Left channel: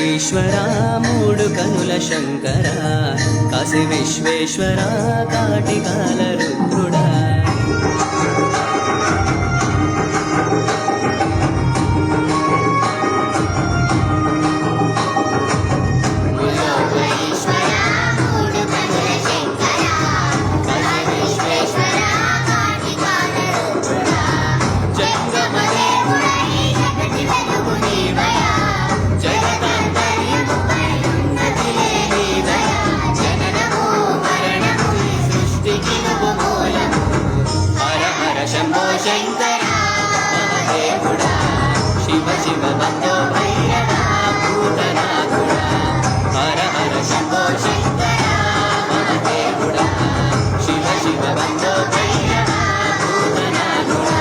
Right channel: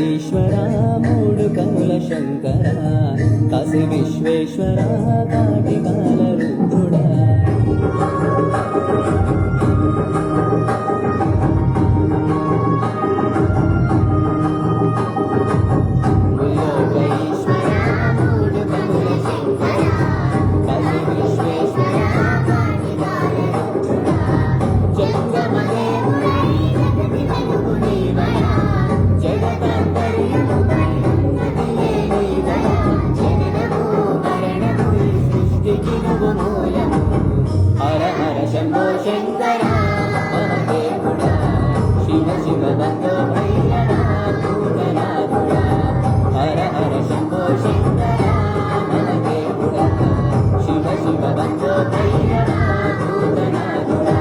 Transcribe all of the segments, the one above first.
ఈశ్వర మూడు కనుల శంకర కాశీ విశ్వేశ్వర కాటికాల రుద్రుడా శంభో శంకర మహదేవుడా శివ శివ బంధో భైరవ భూతనాథుడా హర హర శంభో శంకర మహదేవుడా శివ శివ బంధో భైరవ భూతనాథుడా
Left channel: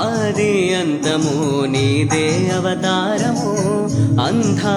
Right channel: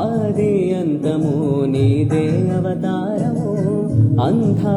ఆది అంతము నీదే అవతారము అంధా